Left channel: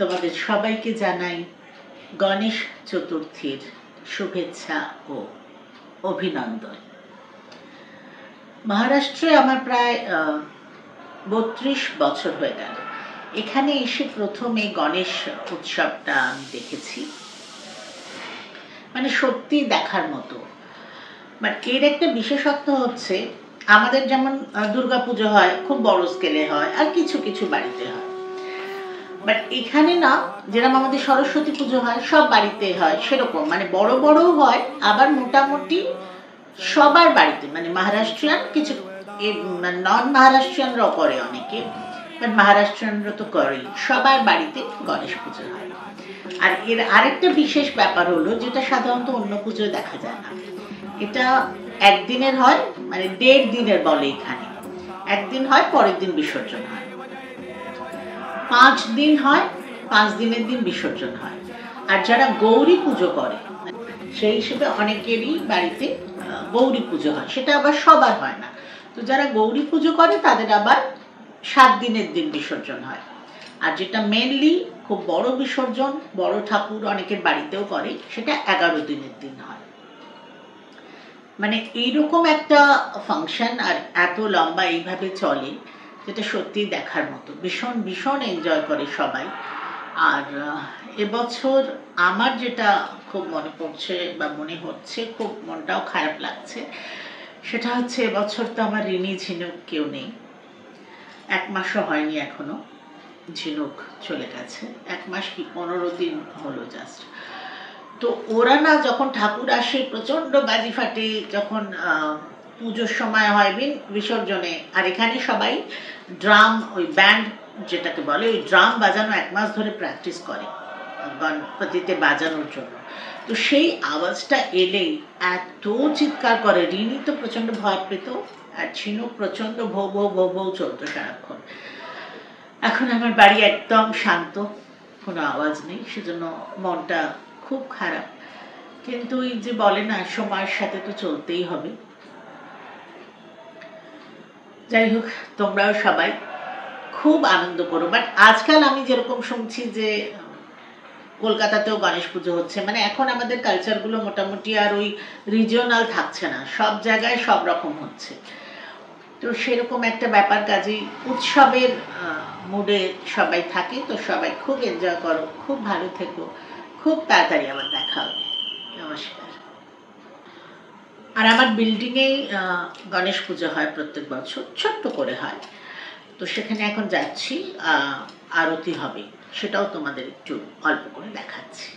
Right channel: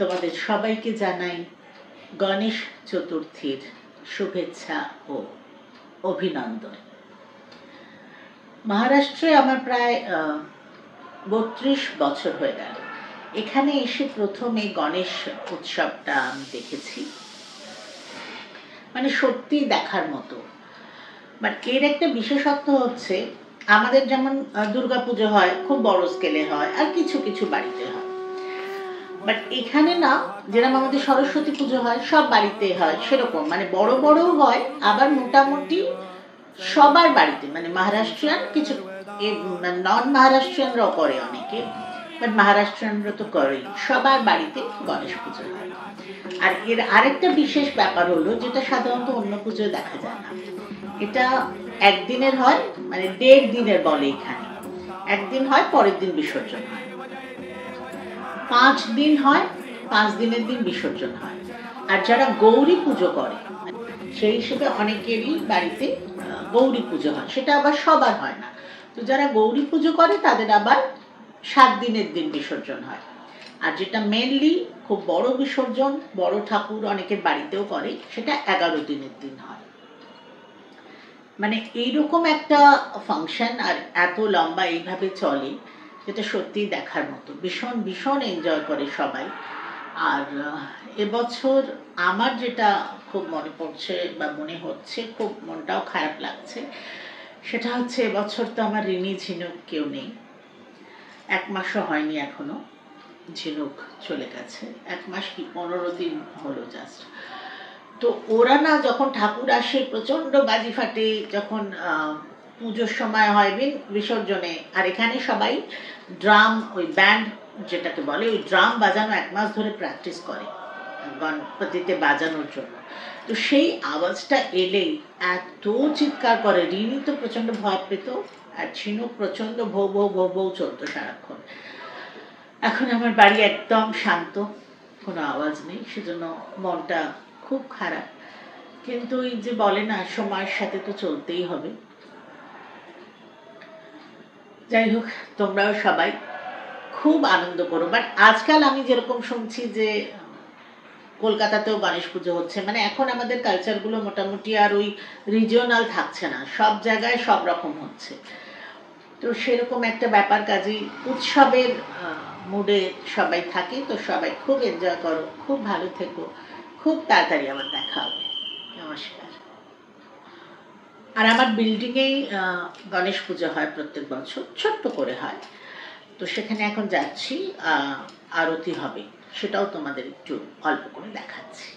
তোমাদের সবাইকে জানাই গণেশ চতুর্থীর শুভেচ্ছা ও অভিনন্দন। মহারাষ্ট্রে আমার প্রায় 32 বছর হয়ে গেল। এখানে এসে প্রথম এই গণেশ উৎসবটা আমি দেখেছি, মানে সত্যি দেখার মতো। বাট এর একটা বিশেষত্ব হচ্ছে, আমাদের যেমন দুর্গাপুজো হয় খুব বড় স্কেলে হয় আর কিছু কিছু বাড়িতে হয়, বাট এখানে না, যেরকম আমাদের সরস্বতী পুজো হয় সব বাড়িতে হয় সেরকম, মানে বড় বড় হয়, আবার মোটামুটি সবার বাড়িতে, মানে মহারাষ্ট্রিয়ান কিছু নন মহারাষ্ট্রিয়ানরাও করে অনেকে, বাট মহারাষ্ট্রিয়ানরা তো করেই, সবার বাড়িতে গণেশ পুজো হয়। আর এর আরেকটা বিশেষ ব্যাপার হলো, যেটা সাধারণত অন্য পুজোয় দেখা যায় না, এটা একদিনের হয়, মানে 1.5 দিনের বলে এখানে। একদিন হয়, পরের দিন বিসর্জন হয়। 5 দিন হয়, 5 দিনের দিন বিসর্জন হয়। আর যারা গৌরী পুজো করে, সেই হিসেবে অনেকেরই বাড়িতে গৌরী পুজো হয়, সেটা আবার সবার হয় না। তো যারা গৌরী পুজো করে তাদের আবার 7 দিনের দিন বিসর্জন হয়। আর যেটা মেনলি খুব বড় বিসর্জন, বড় ঠাকুর অনেকের বাড়িতেও করে, সেটা 11 দিনের দিন হয়। মানে এইরকম একটা ফাংশন আর এত লম্বা এইভাবে চলে, যেটা সত্যি দেখার মতো। ভীষণ ভীষণ এনজয় করে সবাই। আর এবছর আমার যেটা খুব মনে পড়ছে বা মনে হচ্ছে, খুব মনটাও খারাপ লাগছে, সেটা হচ্ছে এবছর তো আমার রিনি ঝিনুক কেউ নেই। 1 মাসও হয়নি এখনো, ঝিনুক চলে গেছে। 1 মাস কি 15 দিন হলো জাস্ট। তো ওরা না, যখন ঠাকুর আসে প্রচন্ড বাজি ফাটে, যখন পুজোর সময় হয় বিসর্জনে, আর এখানে সবাই ড্রাম, ওই ব্যান্ড যেটাকে বলে, ওই ড্রাম বাজানো 1 মাস ধরে প্র্যাকটিস করে গণপতিতে বাজানোর জন্য। তো সেই আওয়াজটা এলেই এত চিৎকার করে, রিনি তো প্রচন্ড ভয় পেত, আর ঝিনুক প্রচন্ড ভৌ ভৌ ভৌ ভৌ চলতো সারাক্ষণ। এখন আমার বাড়ি একদম শান্ত, কোনো আওয়াজ নেই, সেজন্য মনটা খুব খারাপ। কিন্তু এই যে বলে না, সময়ের সাথে তো চলতেই হবে। যাই হোক, তোমরাও সবাই খুব আনন্দ করো। বাট আজকাল আমি যেরকম শুনছি যে কলকাতাতেও গণেশ পুজো হচ্ছে, মানে এখন আমাদের কালচারগুলো মোটামুটি আর ওই রিজিওনাল থাকছে না, সব জায়গায় সব রকম হচ্ছে। তো সেরকম একটা ব্যাপার, কাজেই উৎসবের মুডে সবাই থাকে। তো সবাই খুব এনজয় করো, খুব ভালো থেকো, খুব তাড়াতাড়ি আবার দেখা হবে। নমস্কার। আর আমার বিল্ডিংয়েই গণেশ পুজো হয় প্রত্যেক বছর, ছোট্ট করে হয়। তো সেখানে এখন যাচ্ছি, আরতি হবে, সেটাও তোমাদের একটু অল্প করে দেখাচ্ছি।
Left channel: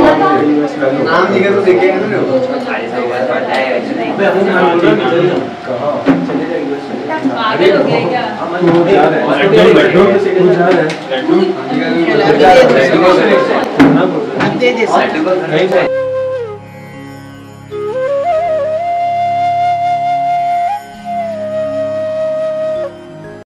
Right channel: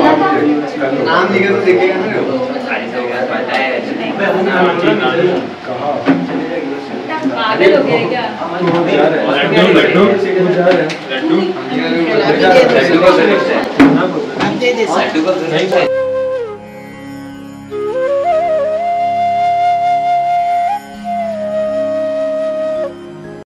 नाम लिखे तो देखेगा हम दे दे सर।